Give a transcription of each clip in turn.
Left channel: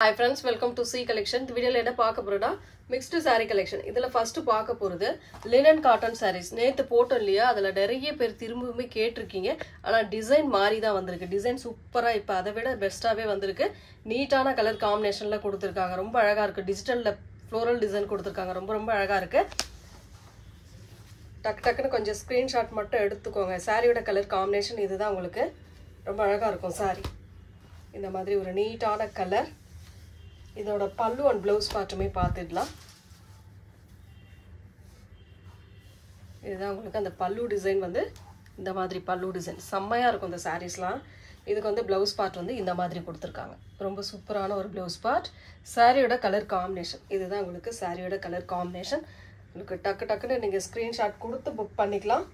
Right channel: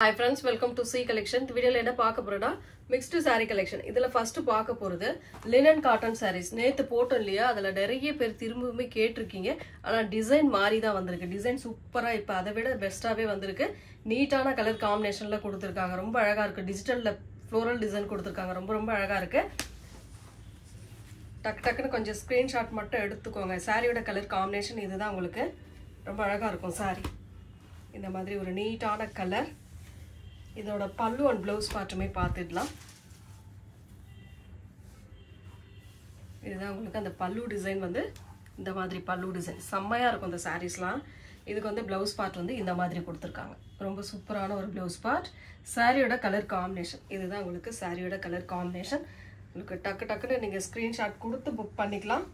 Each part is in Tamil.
Hi friends, welcome to C collection. இந்த வீடியோல என்ன பார்க்க போறோம்னா mixed saree collection. இதுல ஃபர்ஸ்ட் பார்க்க போறது linen cotton sarees. நேத்து போட்டோம் இல்லையா, அதுல நிறைய பேர் திரும்பவுமே கேட்டிருக்கீங்க. ஆனா டிசைன் மாறி தான் வந்திருக்கு. டிசைன் சூப்பரா இப்ப அதை விட பெஸ்டாவே வந்திருக்கு. நீட்டான கலர் காம்பினேஷன்ல கொடுத்திருக்காங்க. ரொம்ப அழகா இருக்கு. டிஜிட்டல்ல ஃப்ளோரல் டிசைன் கொடுத்திருக்காங்க. ரொம்ப அழகா இருக்கு. டக்குன்னு கொஞ்சம் ஸ்கிரீன்ஷாட் மட்டும் எடுத்துக்கோங்க. சாரியோட கலர் காம்பினேஷன் இதுதான் உங்களுக்கு. ரொம்ப அழகா இருக்கும் சாரி. இந்த மாதிரி ஒரு நீட்டான கலர். இதோட பல்லு அண்ட் ப்ளவுஸ் பார்ட்டுமே பார்த்துடலாம். இதுதான் உங்களுக்கு அந்த பல்லு டிசைன் வந்து இந்த மாதிரி பல்லு டிசைன் செம்மையா இருக்கும் இந்த சாரீஸ்லாம். இதுக்கு வந்து ப்ளவுஸ் பார்ட் வந்து இந்த மாதிரி கொடுத்துருக்காங்க. ரொம்ப சூப்பரான ஒரு ப்ளவுஸ் பார்ட். சாரியோட கலர் காம்பினேஷன் இதுதான் உங்களுக்கு சாரியோட கலர் காம்பினேஷன். உங்களுக்கு டக்குன்னு நீங்கள் ஸ்க்ரீன்ஷாட் கொடுத்து புக் பண்ணிக்கலாம்.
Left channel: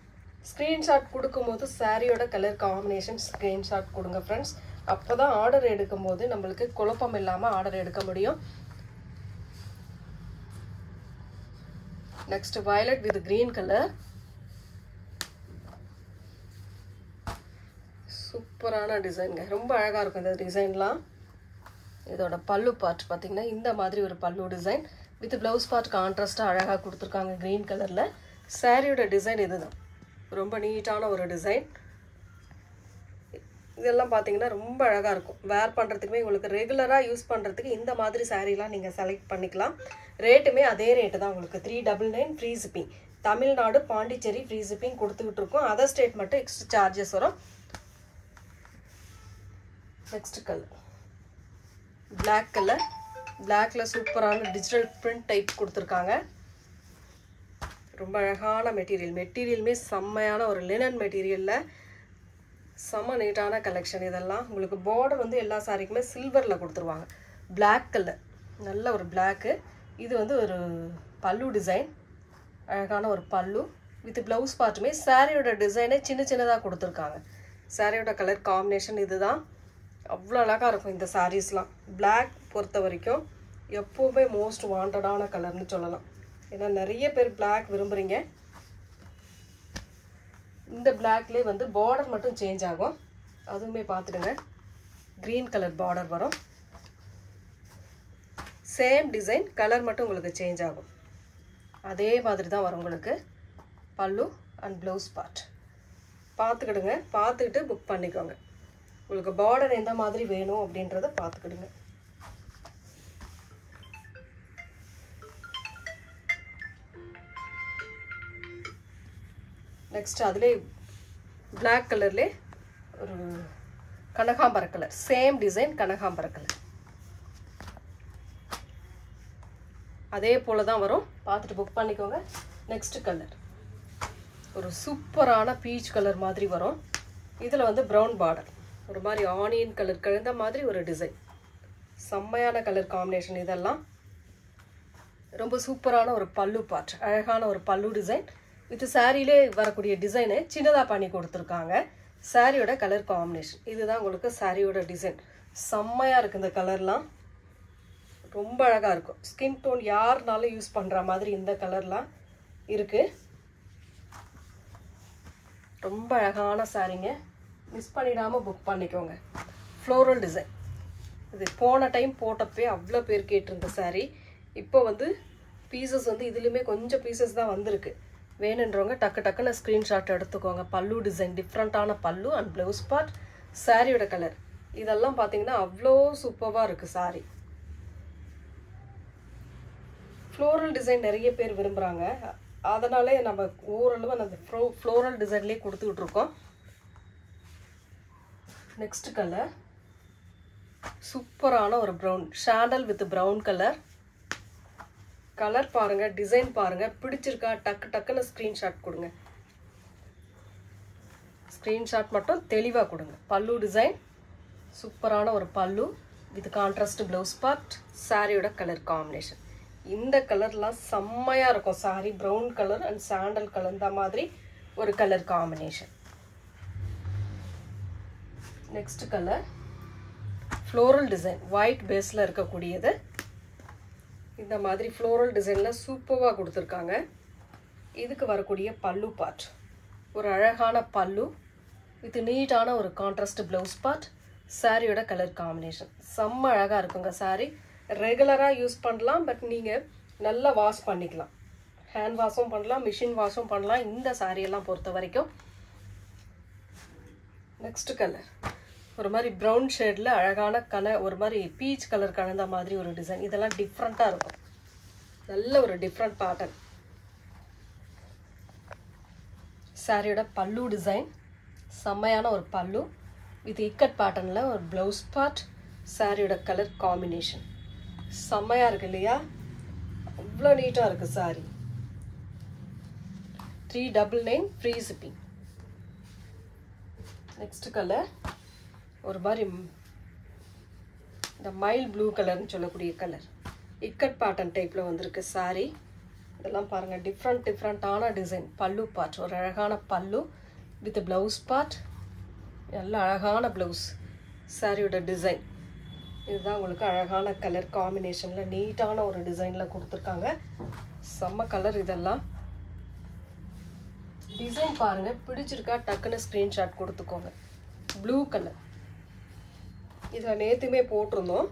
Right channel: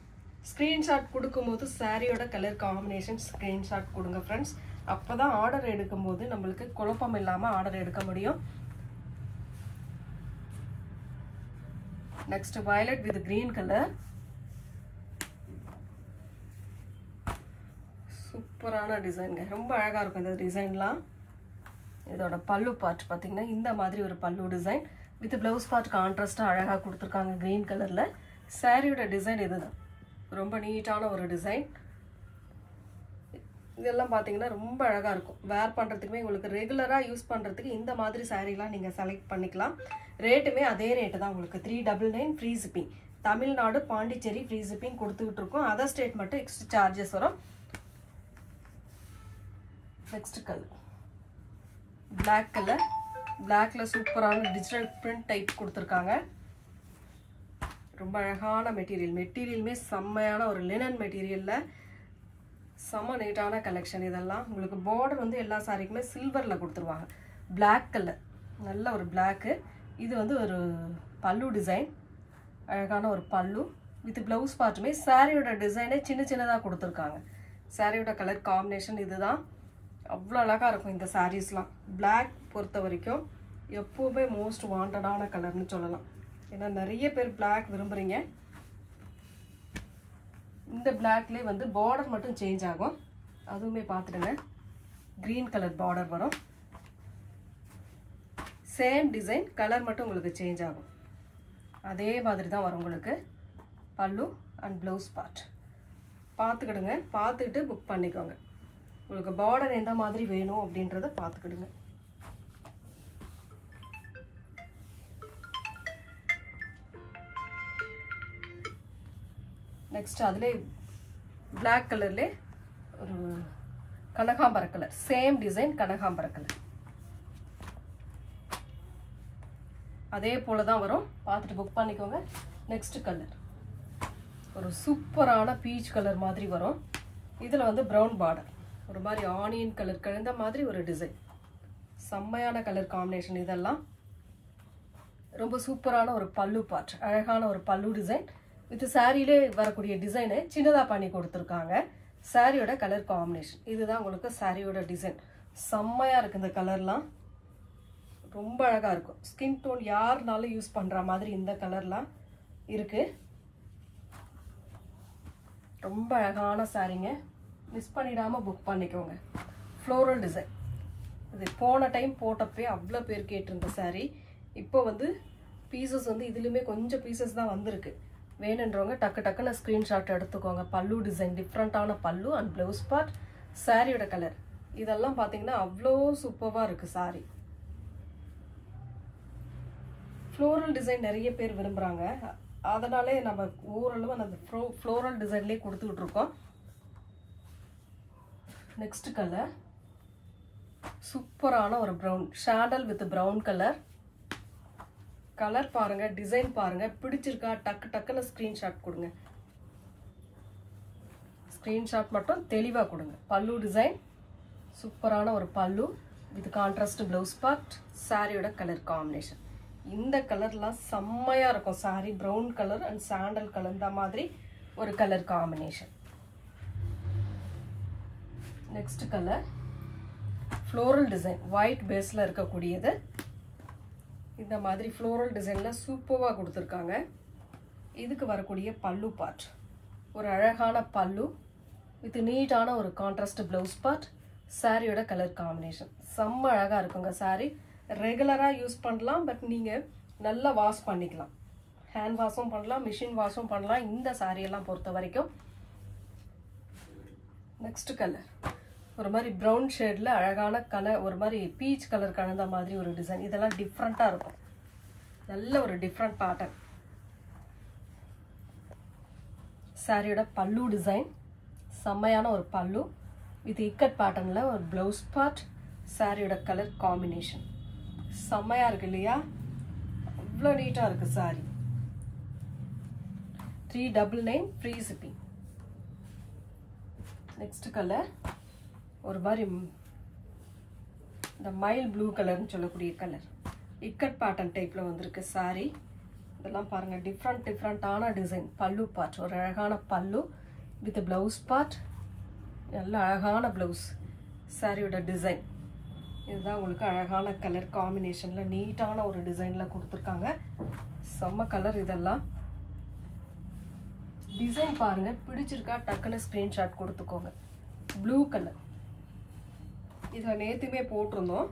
ஸ்க்ரீன்ஷாட் கொடுக்கும்போது சாரியோட கலர் காம்பினேஷன் ஸ்க்ரீன்ஷாட் கொடுங்க ஃப்ரெண்ட்ஸ். அப்போதான் ஆர்டர் எடுக்கும்போது நம்மளுக்கு குழப்பம் இல்லாமல் ஆர்டர் எடுக்க முடியும். Next violet with green colour. சூப்பரான டிசைன்ங்க. ரொம்ப அழகா இருக்கும் இந்த டிசைன்லாம். இதோட பல்லு பார்ட் பார்த்தீங்கன்னா இந்த மாதிரி ஒரு பல்லு டிசைன் வித் பிளவுஸ் பார்ட் கான்ட்ராஸ்டா அழகா கொடுத்துருக்காங்க கிரீன் கலர்ல. சாரியோட டிசைன் இதுதான். ரொம்ப நீட்டான ஒரு டிசைன். இதெல்லாம் பார்த்தீங்கன்னா ரொம்ப அழகா இருக்கும். வேர் பண்றதுக்குமே உங்களுக்கு ரெகுலரா யூஸ் பண்றதுக்கு இந்த மாதிரி சாரீலாம் நீங்க செலக்ட் பண்ணிக்கலாம். ரேட்டுமே அதே ரேட்டு தான் உங்களுக்கு. 399 free shipping. Tamil Nadu Pondicherry free shipping கொடுத்துட்டு இருக்கோம். அதர் ஸ்டேட் மட்டும் எக்ஸ்ட்ரா சார்ஜஸ் வரும். Next colour black colour. பிளாக்ல சூப்பரான டிஜிட்டல் பிரிண்ட் டைப் கொடுத்துருக்காங்க. ரொம்ப அழகான மெட்டீரியல். மெட்டீரியலுமே செம்மையான ஒரு லினன் மெட்டீரியல்ல செம்ம நீட்டான கலெக்ஷன். இதெல்லாம் உங்களுக்கு பார்டர் வந்து எல்லா சாரிக்குமே சில்வர்ல கொடுத்துருவாங்க. பிளாக் கலர் நல்ல ஒரு பிளாக்கு. இது வந்து ஒரு பல்லு டிசைன். அழகான ஒரு பல்லு வித் பிளவுஸ் பார்ட்டுமே சாரியோட டிசைனே சின்னதாக கொடுத்துருக்காங்க. சாரியோட கலர் காம்பினேஷன் இதுதான். அவ்வளோ அழகாக இருக்கும் இந்த சாரீஸ்லாம். பிளாக் பொறுத்த வரைக்கும் எப்போவுமே மோஸ்ட் வாண்டடான கலர்னு சொல்லலாம். ஏன்னா நிறைய பேர் பிளாக் விரும்புகிறீங்க. இந்த பிளாக்லேயே வந்து பார்டர் மட்டும் சேஞ்ச் ஆகும். அதுவுமே பார்த்துடுங்க. கிரீன் கலர் பார்டர் வரும். சேம் டிசைன், கலர் மட்டும் உங்களுக்கு சேஞ்ச் ஆகும். அதே மாதிரி தான் வரும் உங்களுக்கு பல்லு அண்ட் ப்ளவுஸ் பார்ட். பார்த்துக்கிடுங்க. பார்த்துக்கிட்டு புக் பண்ணிக்கோங்க. உங்களுக்கு பார்டர் எந்த மாதிரி வேணும் அப்படின்றத பார்த்துக்கிடுங்க. நெக்ஸ்ட் அதிலே பிளாக் கலர்லே ஒரு கனகாம்பர கலர். சேம் டிசைன் கனகாம்பர கலர். அதே போல தான் வரும். பார்த்துட்டு புக் பண்ணிக்கோங்க. நெக்ஸ்ட் கலர் ஒரு சூப்பரான பீச் கலர் மாதிரி வரும். இதில் வந்து ப்ரௌன் பார்டர். ஒரு மாதிரி ஆனியன் கலர் கலந்த மாதிரி ஒரு டிசைன். செம்மையான கலர் காம்பினேஷன். இதெல்லாம் ரொம்ப சூப்பரான ஒரு பல்லு பார்ட். அழகான ஒரு பல்லு டிசைன். இது சாரியிலே வரக்கூடிய டிசைனை சின்னதாக பண்ணி கொடுத்துருக்காங்க. சாரியோட கலர் காம்பினேஷன் இதுதான் உங்களுக்கு சாரியோட டிசைன். செம்மையாக இருக்குது இந்த கலர்லாம். ரொம்ப அழகாக இருக்கும். ஸ்கின் டோன் யாருனாலும் யூஸ் பண்ணுற மாதிரி இந்த கலர்லாம் இருக்குது. ரொம்ப அழகான சாரீங்க. மிஸ் பண்ணிடாமல் புக் பண்ணிக்கோங்க. Floral design. இது போன டைம் போட்டப்பே அவ்வளோ பேர் கேட்டிருந்த சாரீ. இப்போ வந்து பீசஸ் வந்து இதுலேயுமே கொஞ்சம் பீசஸ் தான் வந்திருக்கு. வேணுன்றவங்க டக்குன்னு ஸ்க்ரீன்ஷாட் எடுத்துக்கோங்க. பல்லு டிசைன் டிஃப்ரெண்ட்டான பல்லு அண்ட் ப்ளவுஸ் பார்ட். சாரியோட கலர் இதெல்லாம் பார்த்தீங்கன்னா அவ்வளோ சூப்பராக இருக்குது சாரி. ஃப்ளோரல் டிசைன் நிறைய பேர் விரும்புகிறாங்க. அதனாலே நம்ம ஓரளவு அந்த ஃப்ளோரல் டிசைன்லேயே கொடுத்துக்கிட்டு இருக்கோம். நெக்ஸ்ட் கலர் சூப்பரான ஒரு ப்ரௌன். ஷாண்டல் வித் ப்ரௌன் கலர். கலர் பாருங்க, டிசைன் பாருங்க. பிடிச்சிருக்கா டக்குன்னு ஸ்கிரீன்ஷாட் கொடுங்க. ஸ்கிரீன்ஷாட் மட்டும் தெளிவாக கொடுங்க. பல்லு டிசைன் சூப்பரான ஒரு பல்லு வித் கான்ட்ராஸ்ட் ப்ளவுஸ் பார்ட். சாரியோட கலர் காம்பினேஷன் இந்த கலர்லாம் செம்மையா இருக்கும். Sorry brown colour and sandal colour இந்த மாதிரி ஒரு colour combination. Next colour floral design. White பேஸ்ல இருக்கக்கூடியது. இந்த மாதிரி ஃப்ளோரல் டிசைனில் சூப்பராக கொடுத்துருக்காங்க. இதுக்கு வரக்கூடிய பல்லு பார்ட் ஒரு அழகான பல்லு வித் நீட்டான ஒரு கான்ட்ராஸ்ட் ப்ளவுஸ் பார்ட். சாரியோட கலர் காம்பினேஷன் செம்ம அழகாக இருக்குங்க. சாரி ரெகுலராக யூஸ் பண்ணலாம், பட் நீங்கள் நல்லா வாஷ் பண்ணிக்கலாம். ஹேண்ட் வாஷும் பண்ணலாம், மிஷின் வாஷும் பண்ணலாம் இந்த சாரியெல்லாம் பொறுத்த வரைக்கும். நெக்ஸ்ட் கலர் ஒரு மாதிரி ப்ரௌன் ஷேடில் அழகான ஒரு மாதிரி பீச் கலர் கலந்த மாதிரி ஒரு டிசைன். இதெல்லாம் டிஃப்ரெண்ட்டாக இருக்கும், நல்ல ஒரு டிஃப்ரெண்ட் பேட்டர்ன். சாரியோட பல்லு டிசைன் செம்மையான ஒரு பல்லு வித் இக்கட் பேட்டர்னில் ஒரு ப்ளவுஸ் பார்ட். சாரியோட கலர் காம்பினேஷன் செம்மையாக இருக்கு இல்லையா? அவ்வளோ நீட்டாக இருக்குது sorry. 399 free shipping. Next colour ஒரு மாதிரி இந்த மைல் ப்ளூ கலர்னு சொல்லக்கூடிய கலர், இக்கட் பேட்டர்ன் டைப்பில் வந்திருக்கு சாரி. இதெல்லாம் பாருங்கள், டிஃப்ரெண்ட்டான டிசைன். பல்லு பார்ட் ஒரு அழகான பல்லு வித் ப்ளவுஸ் பார்ட், நல்ல அழகான ப்ளவுஸ். சாரியோட டிசைன் இதுதான் உங்களுக்கு அழகான கலர் காம்பினேஷனில் நீட்டான ஒரு டிசைனில் கொடுத்துருக்காங்க. செம்ம கலர். இதெல்லாம் டிசைன் பாருங்கள், பிடிச்சிருக்கா டக்குன்னு ஸ்க்ரீன்ஷாட் கொடுத்துக்கோங்க. ப்ளூ கலர் இதில் நேற்றுமே போட்டிருந்தோம்,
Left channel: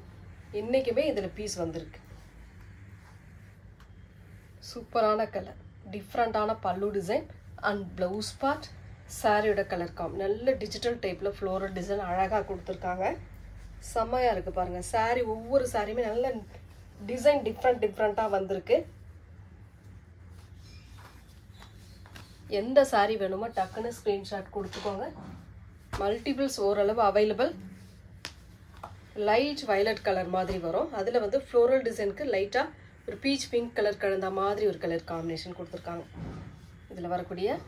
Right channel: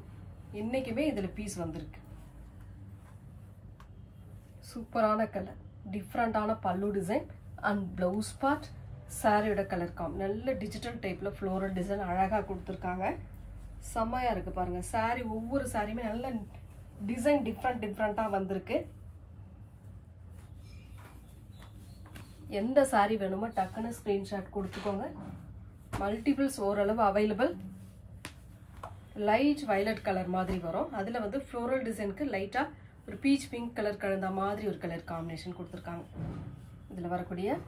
இன்றைக்குமே இதில் பீஸ் வந்திருக்கு. சூப்பரான கலர், டிஃப்ரெண்ட்டான பல்லு டிசைன் அண்ட் ப்ளவுஸ் பார்ட். சாரியோட கலர் நல்ல டிஜிட்டல் டைப்பில் ஃப்ளோரல் டிசைன் அழகாக கொடுத்துருக்காங்க. செம்மையாக இருக்குது பாருங்கள். சாரி ஒவ்வொரு சாரியுமே நல்ல டிசைன் டிஃப்ரெண்ட்டாக வந்திருக்கு. எந்த சாரி வேணுமோ டக்குன்னு ஸ்க்ரீன்ஷாட் கொடுத்துக்கோங்க. மல்டிபிள்ஸ் ஓரளவு அவைலபிள். லைட் வயலட் கலர் மாதிரி வரும், அதில் வந்து ஃப்ளோரல் டிசைனுக்கு லைட்டாக ஒரு பீச் பிங்க் கலர் கலந்த மாதிரி ஒரு கலர் காம்பினேஷன் கொடுத்துருக்காங்க. இதில் வரக்கூடிய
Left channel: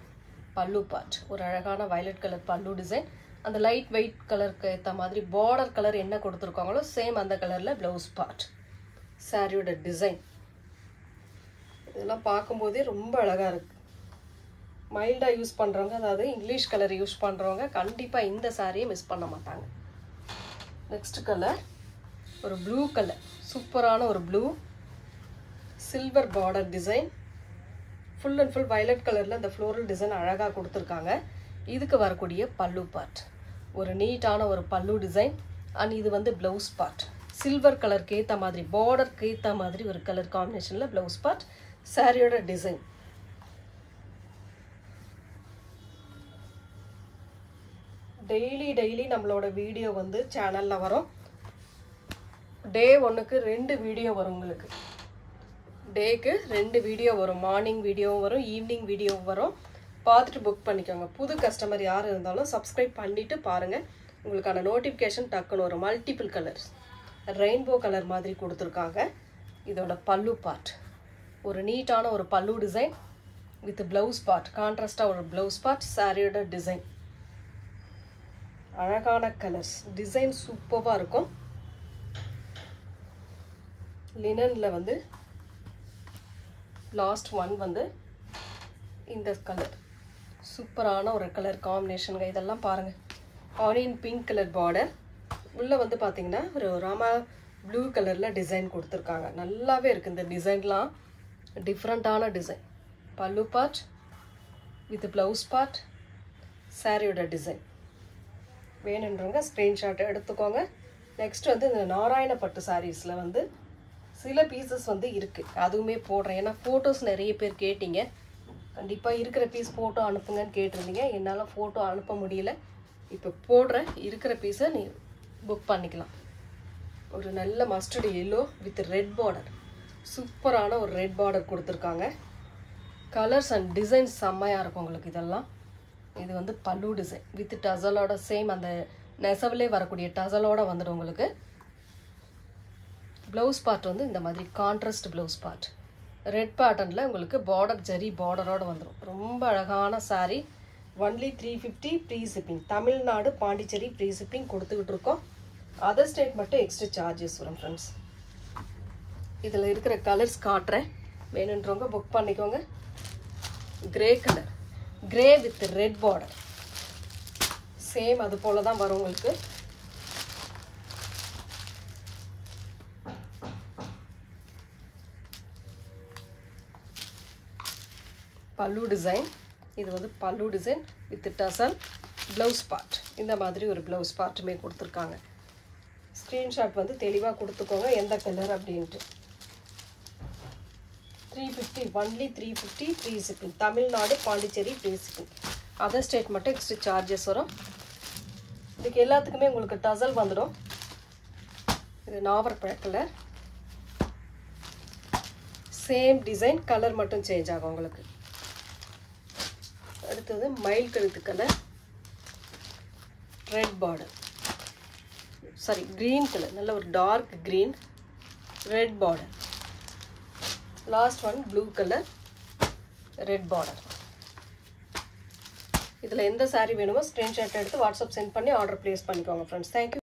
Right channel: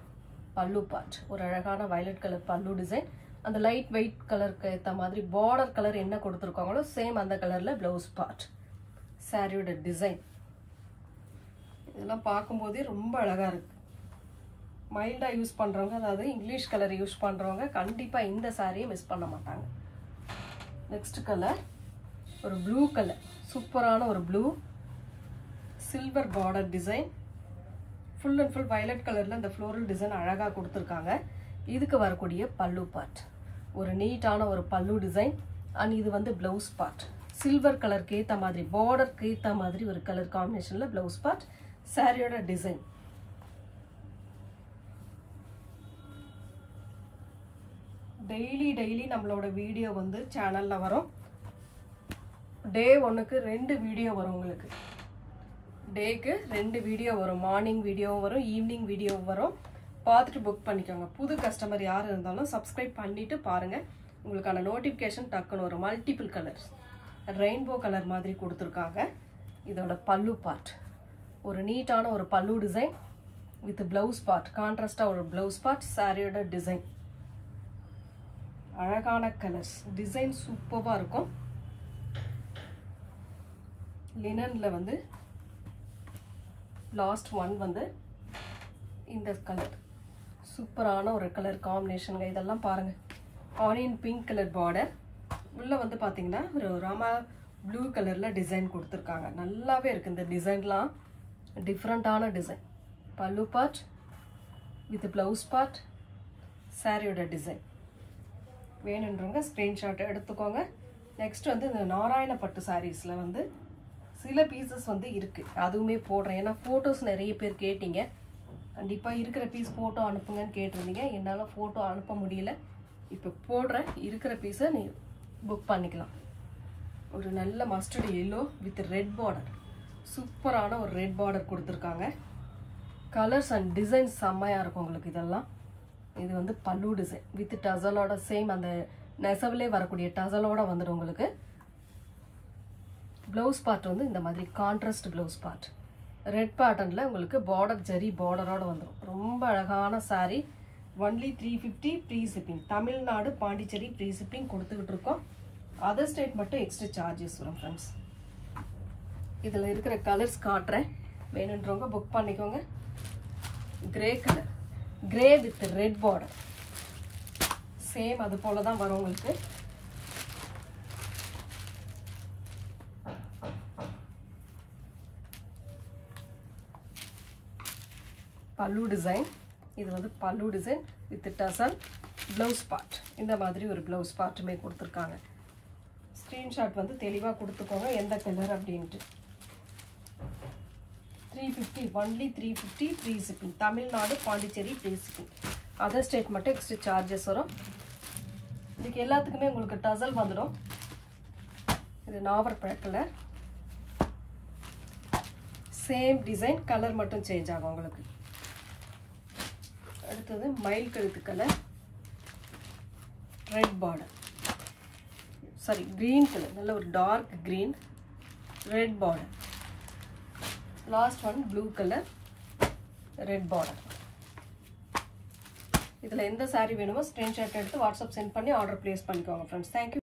பல்லு பார்ட் ஒரு அழகான வயலட் கலர் பல்லு டிசைன். அந்த லைட் வெயிட் கலருக்கு ஏற்ற மாதிரி பார்டர் கலர் என்ன கொடுத்துருக்காங்களோ சேம் அந்த கலரில் ப்ளவுஸ் பார்ட். சாரியோட டிசைன் இதெல்லாம் பார்க்கும்போதே ரொம்ப அழகாக இருக்குது. மைல்டாக யூஸ் பண்ணுறவங்க, அதாவது இங்கிலீஷ் கலர் யூஸ் பண்ணுறவங்க கண்டிப்பாக இந்த சாரியை மிஸ் பண்ண மாட்டாங்க. நெக்ஸ்ட் கலர் ஒரு ப்ளூ கலர், சூப்பரான ஒரு blue silver border design. Full and full violet கலரில் இந்த ஃப்ளோரல் டிசைன் அழகாக கொடுத்துருக்காங்க. இதுக்கு வரக்கூடிய பல்லு பார்ட் ஒரு நீட்டான ஒரு பல்லு டிசைன் அண்ட் இது வந்து ப்ளவுஸ் பார்ட். சில்வர் கலருக்கு ஏற்ற மாதிரி பார்டருக்கு ஏற்ற மாதிரி ஒரு கலர் காம்பினேஷனில் ப்ளவுஸ் பார்ட். சாரியோட டிசைன் டெய்லி நம்மளோட வீடியோ வந்து சேனலில் வரும். டே 1க்கு 2 வீடியோ வரும். உங்களுக்கு டேக்கு 2 வீடியோ வரும். மார்னிங் வீடியோவும் வரும், ஈவினிங் வீடியோவும் வரும். பார்த்துட்டு புக் பண்ணிக்கோங்க. புது கஸ்டமர் யார் இருந்தாலும் சப்ஸ்கிரைப் பண்ணிவிட்டு பாருங்கள், உங்களுக்கான நோட்டிஃபிகேஷன் டக்குன்னு ஒரு மல்டிபிள் கலர்ஸ் ரெயின்போ கலர் மாதிரி கொடுத்துருக்காங்க. இதோட பல்லு பார்ட் ஒரு நீட்டான ஒரு பல்லு டிசைன் வித் ப்ளவுஸ் பார்ட், கான்ட்ராஸ்டாக ஒரு ப்ளவுஸ் பார்ட். சாரியோட டிசைன் அழகான கலர்ஸ், டிசைன் சூப்பராக இருக்கும். லினனில் வந்து லாஸ்ட் ஒன் வந்து இந்த கலர் சூப்பரான ஒரு கலர் காம்பினேஷனுங்க. இதெல்லாம் பாருங்கள், ஆனியன் பிங்க் கலர் பார்டர், உள்ளே வந்து பார்த்தீங்கன்னா ஒரு ராமா ப்ளூ கலரில் டிசைன் கொடுத்துருக்காங்க. நல்லாவே இருக்குது இந்த டிசைன்லாம், டிஃப்ரெண்ட்டான டிசைன். பல்லு பார்ட் வித் ப்ளவுஸ் பார்ட். சாரியோட டிசைன் வேணுன்றவங்க ஸ்க்ரீன்ஷாட் எடுத்துக்கோங்க. நெக்ஸ்ட் வந்து இந்த நாராயணப்பட்டு சாரீஸில் வந்து சில பீசஸ் வந்து இருக்குது, அதுவுமே போடுறேன். ஏன்னா ஃபோட்டோஸ் நிறைய பேர் கேட்டிங்க, கண்டிப்பாக இருக்கிற பீஸ் ஃபோட்டோ அனுப்புங்கன்னு கேட்டிருந்தீங்க. என்னால் ஃபோட்டோ அனுப்ப முடியல. இப்போ போடுறேன், இருக்கிற பீஸை நீ புக் பண்ணிக்கலாம். ஒரு நல்ல mustard yellow with red border, சூப்பரான ஒரு ரெட் பார்டர் கொடுத்துருக்காங்க. கலர்ஸ் அண்ட் டிசைன்ஸ் செம்மையாக இருக்கும் உங்களுக்கு. இதெல்லாம் இது வந்து பல்லு டிசைன் வித் டசலோட, சேம் அந்த நெசவுலே வரக்கூடிய டசலோட வந்துடும் உங்களுக்கு. ப்ளவுஸ் பார்ட் வந்து இந்த மாதிரி கான்ட்ராஸ்ட் ப்ளவுஸ் பார்ட், ரெட் பேட்டர்னில் உங்களுக்கு பார்டர் ஜரி பார்டரோடு வந்துடும். ரொம்ப அழகான sari. Only 350 free shipping. Tamil Nadu Pondicherry free shipping கொடுத்துக்கிட்டு இருக்கோம். அதர் ஸ்டேட் மட்டும் எக்ஸ்ட்ரா சார்ஜஸ் வரும் ஃப்ரெண்ட்ஸ். இதில் இருக்கிற கலர்ஸ் காட்டுறேன், வேணுன்றவங்க புக் பண்ணிக்கோங்க. Grey colour, grey with red border, same அது போல தான் வரும் உங்களுக்கு. பல்லு டிசைன், இது வந்து பல்லு டிசைன் வித் டசல். ப்ளவுஸ் பார்ட் இந்த மாதிரி ஒரு ப்ளவுஸ் பார்ட்டுமே கொடுத்துருக்காங்க. ஸ்க்ரீன்ஷாட் வந்து தெளிவாக கொடுத்துக்கோங்க எந்த கலர் அப்படின்ட்டு. 350 only 350 free shipping. Tamil Nadu Pondicherry free shipping. Other state மட்டும் எக்ஸ்ட்ரா சார்ஜஸ் வரும். இதுக்கு எல்லாத்துக்குமே உங்களுக்கு டசல் வந்துடும். இது நாவற்பழ கலர், சேம் டிசைன், கலர் மட்டும் சேஞ்ச் ஆகும் உங்களுக்கு. அடுத்தது மயில் கழுத்து colour, red border, sari green colour, நல்ல ஒரு dark green, red border. Last one blue colour, red border. இதில் எந்த சாரீ வேணுமோ ஸ்க்ரீன்ஷாட் எடுத்து வாட்ஸ்அப் சென்ட் பண்ணி ஆர்டர் ப்ளேஸ் பண்ணிக்கோங்க ஃப்ரெண்ட்ஸ். தேங்க்யூ.